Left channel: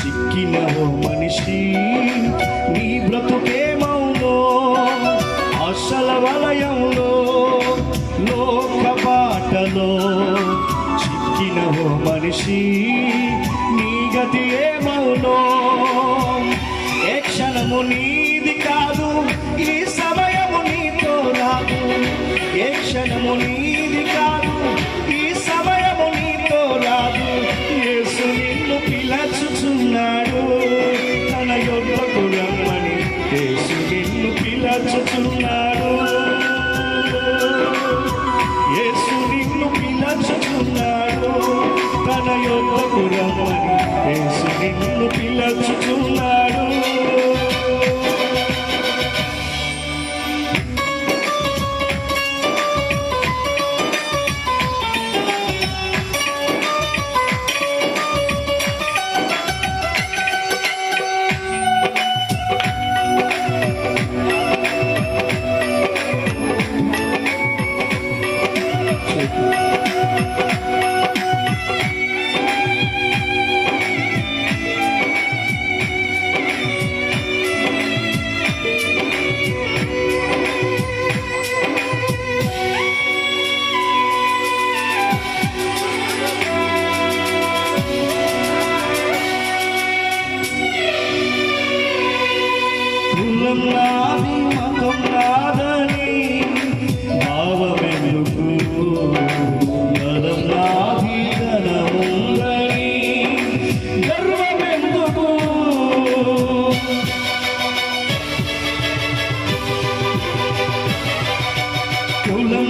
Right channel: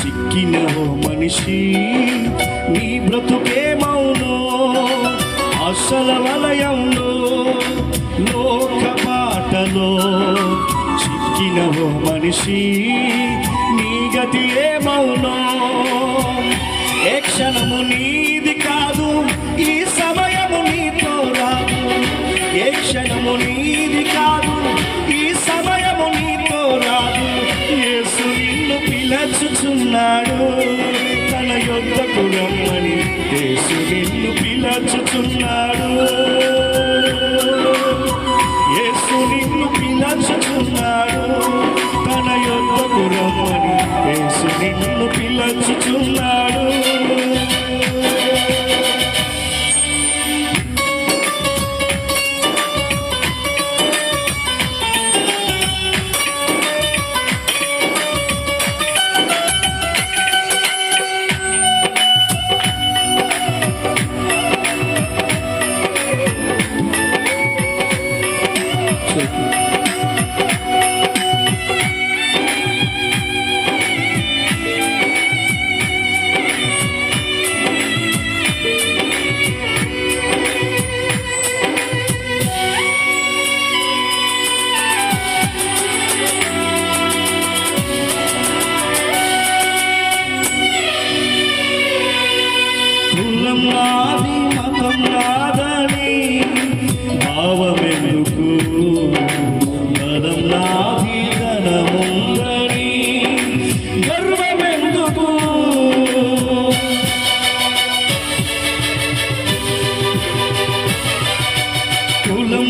చిక్కిన మనిషి నీ బ్రతుకే మౌను అసలు వలయంలో లోక పాటలో. చిక్కిన మనిషి నీ గతి ఏ మౌను? ఏ క్షణము నీది కాదు ఈ సమయము నీతో రాదు ఏ క్షణము నీది కాదు ఈ సమయము నీతో పిలచుచున్నాడు తన యొక్కకు రమ్మని యేసు నిన్ను పిలచుచున్నాడు. యేసు నిన్ను పిలచుచున్నాడు. తన యొక్కకు రమ్మని యేసు నిన్ను పిలచుచున్నాడు. కులం నాది మతం నాదని భావమెందుకు బలం నాది ధనముందని గర్వమెందుకు కులం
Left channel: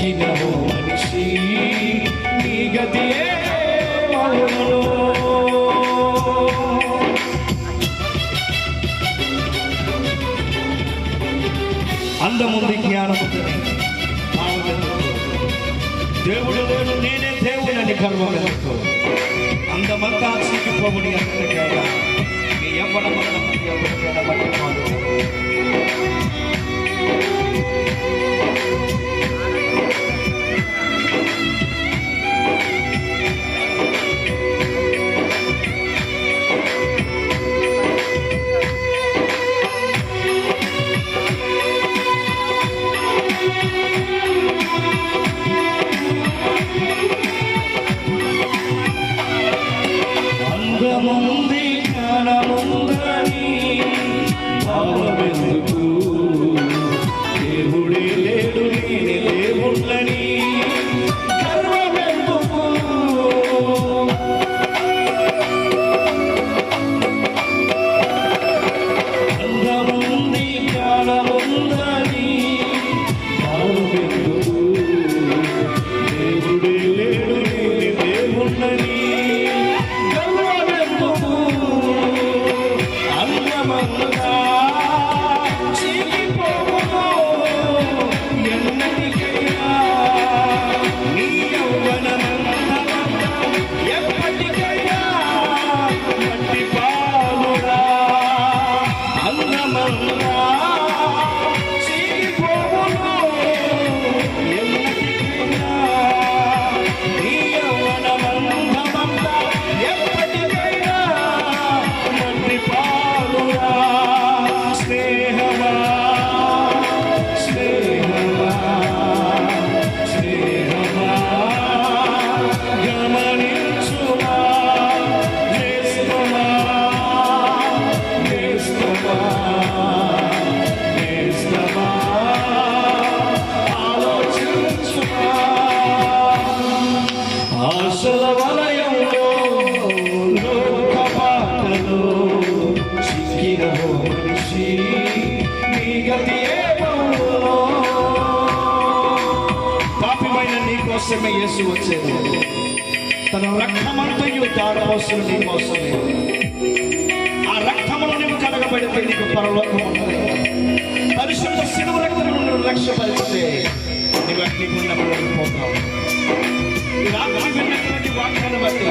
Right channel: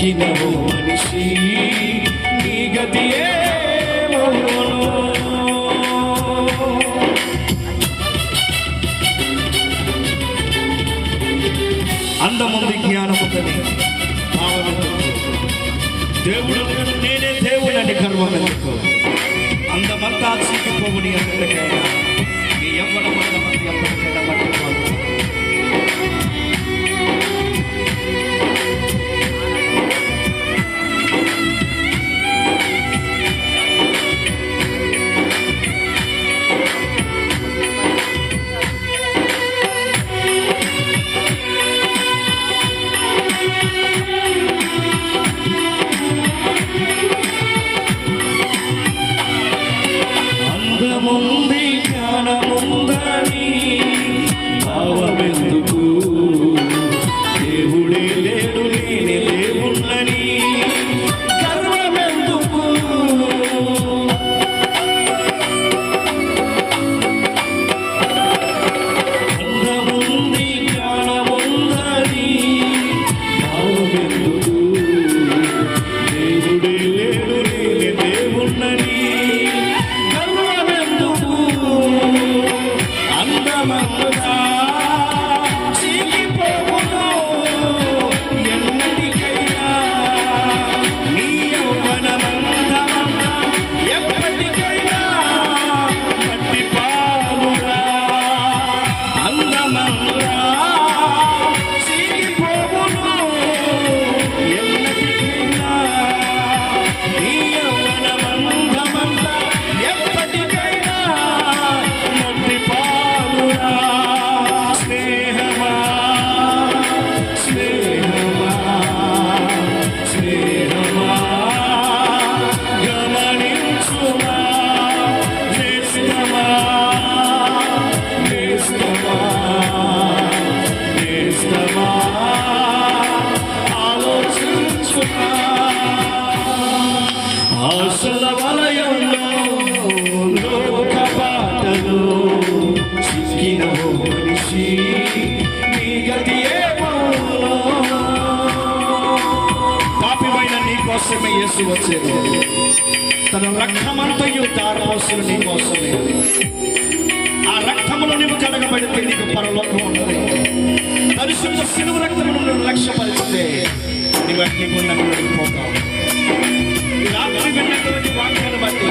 చిక్కిన ఓ మనిషి నీ గతి అందముంది జ్ఞానముందని దేవుడు నేనే దేవుడని గర్వం ఎందుకు అందమంతా చీకిపోవుని ఎప్పటికైనా నీ ఎవ్వడం ఎప్పటికైనా మట్టిపోదు కోసమే యేసు వచ్చేది. తన రక్తమంతయు దాని కోసం నీ కోసమే ఆ రక్తమును నువ్వు కడగబెడితే నీకు పరలోకం ఉంటుంది. పరిశుద్ధ సిలువు రక్తమును నువ్వు లక్ష్యపరిస్తే నువ్వు అగ్ని రాత్రి విన్నటువంటి వాక్యాలు బట్టి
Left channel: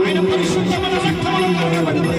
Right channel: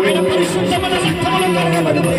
ఆయన పరిశుద్ధమైన సంఘంలో కలగబడితే